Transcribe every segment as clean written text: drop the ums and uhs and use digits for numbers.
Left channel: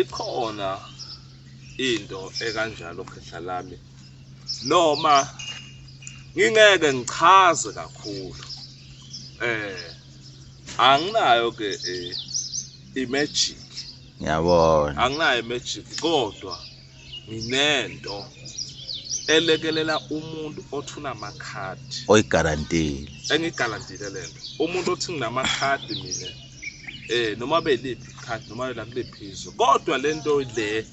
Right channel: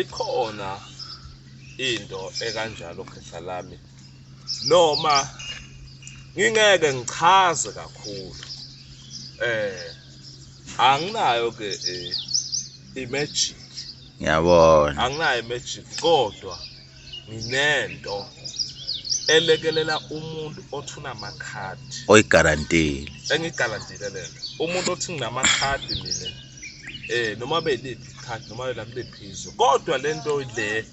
ikhona into ekanjalo khehla lami noma ngingeke ngichaze kakhulu anginayo ke imagic ngiyabona anginayo imagic kodwa nginento elekelela umuntu othuna amakhadi oyigarantile engigarantile lento umuntu othi nginamakhadi mina noma beliphi ikhadi noma yena kulephizo kodwa lento le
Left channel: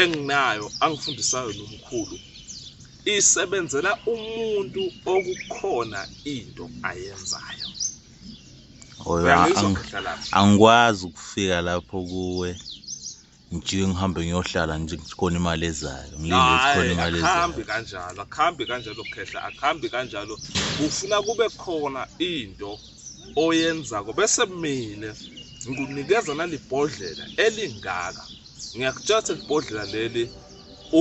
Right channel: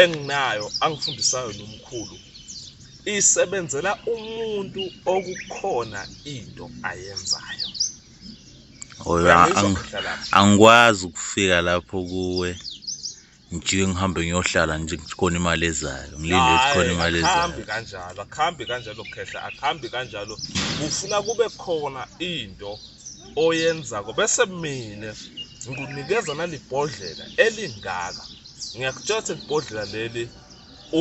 enginayo angifundisayo nomkhulu isebenzela umuntu okukhona into ayenzayo angikwazi ukufika lapho kuwe nje ngihambe ngiyohlala nje khona imali ezayo ngilinde ukuthi khona imali ezayo akhambi kanjalo khehla akhambi kanjalo ufuna kube khona into oyenzako bese mina ngikunikeza nalibhodlela elingaka ngiyakutshela ukuthi ibhodlela leli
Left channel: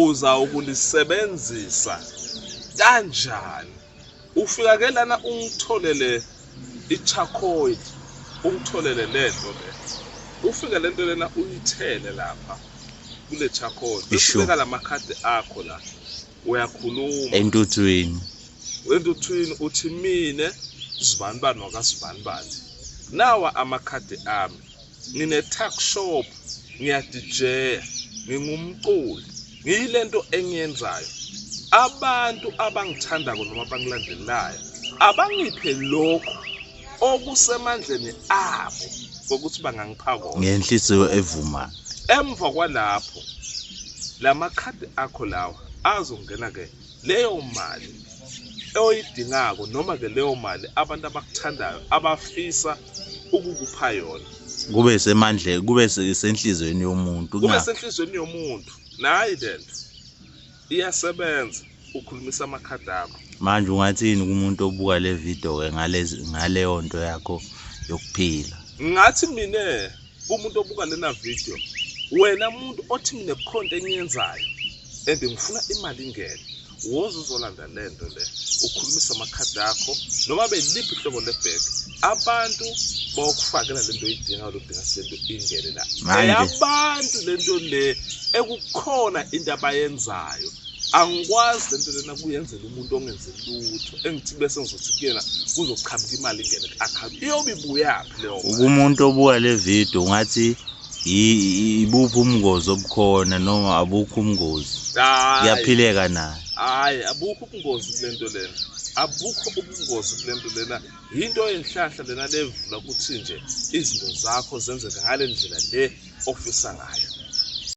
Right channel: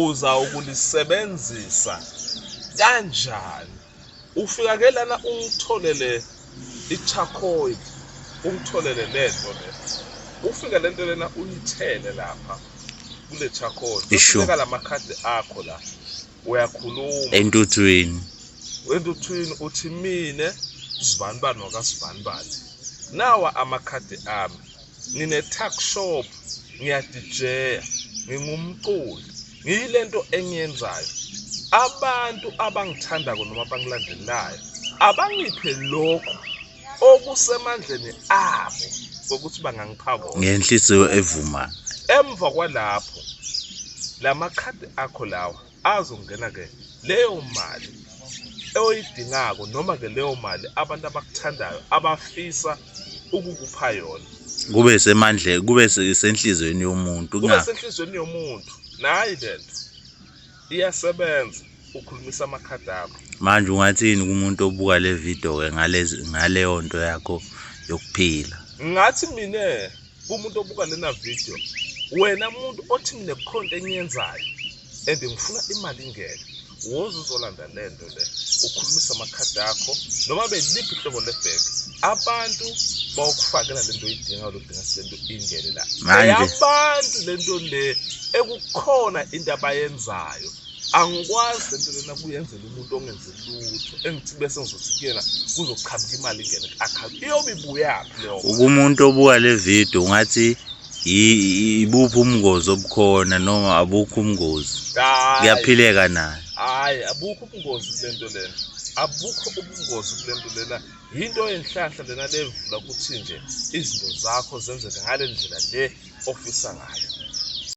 uza ukulisebenzisa kanjani ufika ke lana ungitholele iCharcoal ungitholele lento le ufika lento lena uyithele lapha kule Charcoal ufika lamakhadi akho la uyakhuluma entuthwini uthi mine sibanibani wakasibanibani nawa amakhadi ami ngine tuck shop ngiyadijeya ngingumculi ngiyilento engiyenzayo abantu abangithandako noma abangilandelayo abangiphe lokho okusemandleni abo ukuthi bangangipha kona ngenhliziyo evuma emva kwalapho lamakhadi akho lawa azongena ke leyo mali oyidingako noma ke leyo mali abantu abakuthandayo abafisa ukukupha yona kube semandle kube senhlizweni yomuntu kube senhlizweni yomuntu nayi lento iyasebenza ukhulumisa amakhadi akho manje ungathini kumuntu obuka le video ke ngaleyo nto yakho yokuphila ngathi mina kumuntu obuka lena video wena umuntu othi mina kukhonto engiyenzayo and ngifuna imali ingene woza uzolanda lento le ukhulumisa amakhadi akho noma beliphi ihlobo lebhek abantu bawukufakela lento oyidinga udinga lento ingene la manje abantu lento le ekukhona into abayenzayo angikwazi lento lena kuyenzela umuntu ongenze lutho engithi bese ngizothi kuyena kuzokuqhamuka imali ingene ku-account iyobe ibuyaphi leyo umuntu obuka le video ungathi ibuphi ubungozi obukhona noma abukho ubungozi kuyaphileka naye hayi abukho ubungozi kulento lena abukho ubungozi kulento lena into enhlahla lena levula ukuthi nje izinto zakho zenzeka ngale ndlela le ofisa ngayo